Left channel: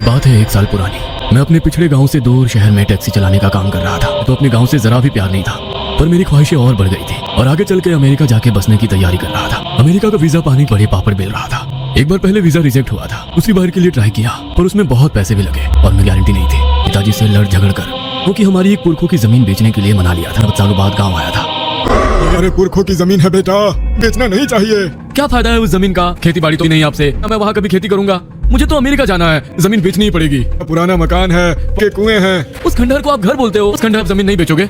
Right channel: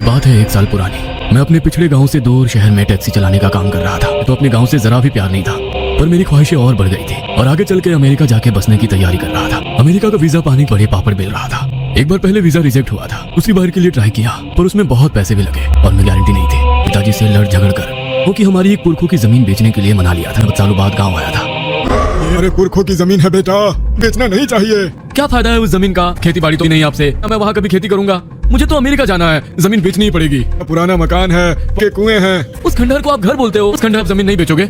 बात है 1 साल पुरानी। मैं अपने पिछले गांव से दूर शहर में टैक्सी चलाने का काम कर रहा था, तो अपने गांव से जरा भी प्यार नहीं था। पर मेरी ख्वाहिशें और बढ़ गई थी और आगे चल के अमेरिका जाके बसने की तैयारी कर रहा था। अमेरिका का वीजा पानी बड़े पापड़ मिल रहा था। एक बार पहले वीजा रिजेक्ट हुआ था, उसी बार के लिए ट्राई किया, पर उसमें बहुत पैसे भी लगे और मैं गारंटी नहीं थी। पिताजी से लड़ झगड़ कर वो कि हमारी एक पुरखों की जमीन बेचने के लिए मना लिया था। 9 सालों बाद गाँव आया था। मेरे पुरखों की जमीन है बेटा, बेचना नहीं चाहिए। क्या फायदा है उस जमीन का? खेती बाड़ी तो नहीं आपसे, मैं वहाँ कभी खेती करूंगा। मुझे तो अमेरिका जाना है, जमीन बेचनी ही पड़ेगी। पुराना मकान है, के कुएं हैं। उस खंडहर को आप घर बोलते हो, उस खंडहर पर जमीन नहीं बेचोगे?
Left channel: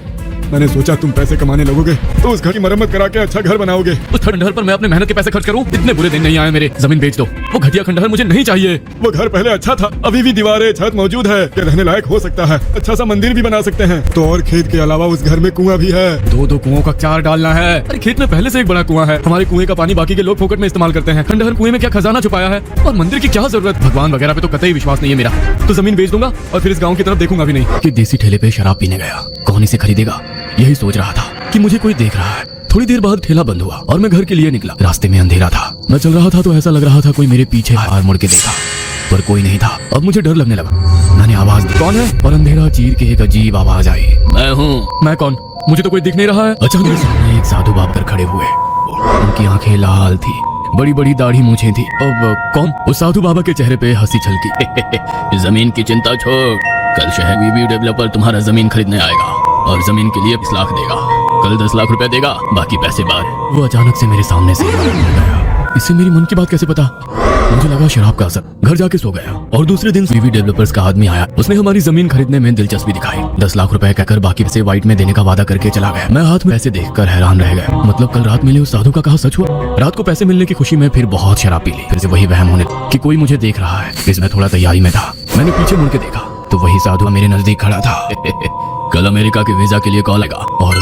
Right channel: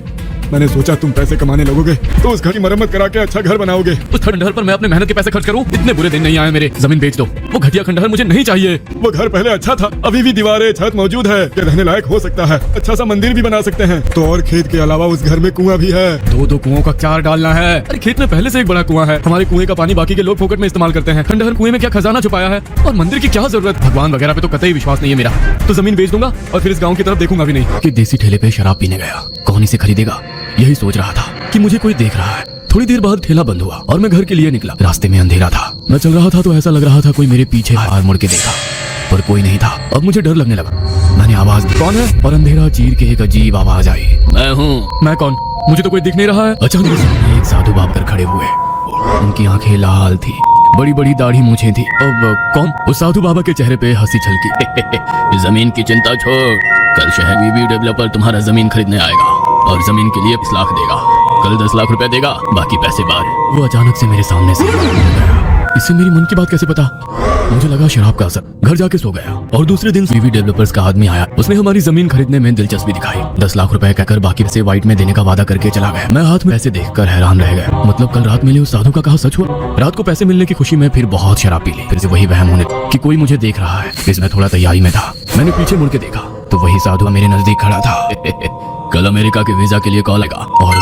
मैंने सोचा तुम पैसे कमाने लगोगे तो उस घर की मरम्मत करा के अच्छा घर बनाओगे। उस खंडहर पर मैं अपने मेहनत के पैसे खर्च करूं? इतने बुरे दिन नहीं आए मेरे। जमीन बेच दो, वो घटिया खंडहर मुझे नहीं चाहिए। वो घर पहले अच्छा था, अभी भी दीवारें छत मौजूद है, ये रहने लायक हो सकता है। अच्छा सा मंदिर भी बना सकते हैं। तो और खेत के अलावा उस घर में कुआं भी है। 2 कुओं का 4 डालना है। अरे खेत में पहले से एक बड़ा कुआं है। हमारे कुएं का पानी बाकी के लोग फोकट में इस्तेमाल करते हैं। खंडहर कुएं में क्या खजाना छुपाया है? और मंदिर की क्या जरूरत? भगवान वगैरह पे तो कतई विश्वास नहीं है मेरा। तो जमीन बेच दूंगा और फिर इस गाँव की तरफ देखूंगा भी नहीं। कि देसी ठेले पे शराब पीने गया, कौन इसे खरीदेगा? यही सोच रहा था कि मुझे कोई देख रहा है। थोड़ी देर बाद ठेला बंद हुआ और मैं घर के लिए निकला। रास्ते में अंधेरा था। मैं चल रहा था तो ऐसा लग रहा था कोई मेरे पीछे बाहर मुड़ के देखा, पर कोई नहीं था। अब मुझे डर लगने लगा। मैंने आवाज दी, कौन है? और अंधेरा चीर के एक अजीब आवाज आई, मैं हूँ। मैं कौन? मुझे तो कोई दिख नहीं रहा है। अचानक सामने एक साधु बाप कर खड़े हुए। उनकी आंखें लाल थी, बड़ी बड़ी दाढ़ी मूछें थी। अब कौन? उस साधु बाबा के चेहरे पे हंसी छलकी। जमीन की चिंता छोड़, कल शहरी डेवलपर तुम्हारा जमीन खरीदने आएगा और जमीन के लिए 20 लाख देगा। कल 10 लाख रुपए देगा, बाकी पैसे बाद। वो अचानक से मेरे सामने से गया। इससे मेरी मन की बात कैसे पता? मुझे लगा शराब का असर। घर जाके सो गया और दूसरे दिन वीवी डेवलपर्स का आदमी आया। उसने हमारी जमीन खरीदने में दिलचस्पी दिखाई। 10 लाख रुपए कहकर बाकी पैसे वाइट में देने का वादा करके चला गया। मैं हाथ में पैसे देखकर हैरान रह गया। मतलब कल रात मिले उस साधु का कहा सच हुआ? रात को पैसे मिलने की खुशी में फिर बहुत शराब पी ली। फिर से वही वहम होने कि कोई मुझे देख रहा है। इसमें थोड़ा तैयारी में था। मैंने पीछे मुड़ के देखा तो वही साधु मेरे नजदीक खड़ा था। कल अमेरिका के वीजा के लिए कॉल आएगा। और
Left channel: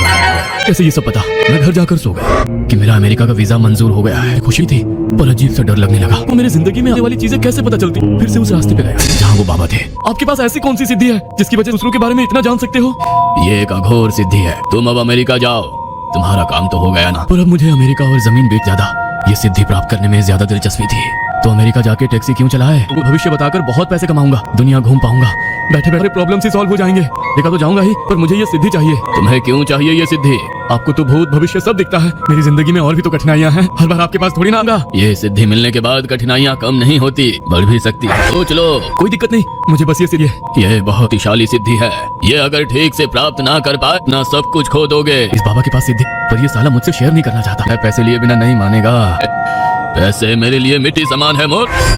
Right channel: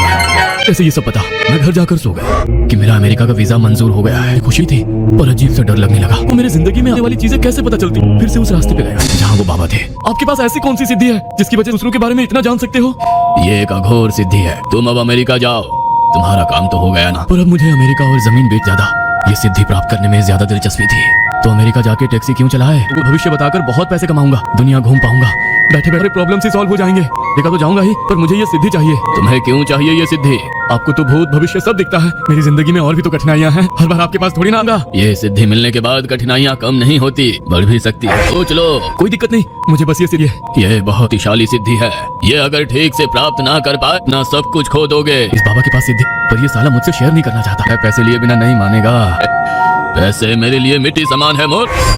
कैसे ये सब पता? मैं घर जाकर सो गया कि मेरा अमेरिका का वीजा मंजूर हो गया है। खुशी थी और अजीब सा डर लगने लगा। तो मेरी जिंदगी में आने वाली चीजें कैसे पता चलती? फिर से उस रास्ते पे गया जहाँ वो बाबा थे। आपके पास ऐसी कौन सी सिद्धि है जिसकी वजह दूसरों के बारे में इतना जान सकते हो? ये एक अघोर सिद्धि है। तुम अब अमेरिका जाओ, तुम्हारा काम तो हो गया ना। पर अब मुझे अमेरिका और जमीन बेच ज्यादा ये सिद्धि प्राप्त करने में ज्यादा दिलचस्पी थी। तो अमेरिका जाके टैक्सी क्यों चलाए? तुमको भविष्य बताकर बहुत पैसे कमाऊंगा, दुनिया घूम पाऊंगा, बैठे बैठे प्रॉब्लम से सॉल्व हो जाएंगे। देखा तो जाऊंगा ही, पर मुझे ये सिद्धि चाहिए। तुम्हें क्यों चाहिए ये सिद्धि? आपको तो भूत भविष्य सब दिखता है। मेरी जिंदगी में और भी तो कठिनाइयां हैं, हर बार आपके पास थोड़ी ना आऊंगा। ये सिद्धि मिलने के बाद कठिनाइयां कम नहीं होती, बढ़ भी सकती है। सोच लो। कोई दिक्कत नहीं, मुझे बस ये सिद्धि। ये बहुत ही शाली सिद्धि है। ये अगर ठीक से प्राप्त ना कर पाए ना सब कुछ खो दोगे। इस बाबा के पास सिद्धि, पर ये साला मुझसे शेयर नहीं करना चाहता। पैसे लिए बिना नहीं मानेगा। पैसे मेरे लिए मिट्टी समान है वो।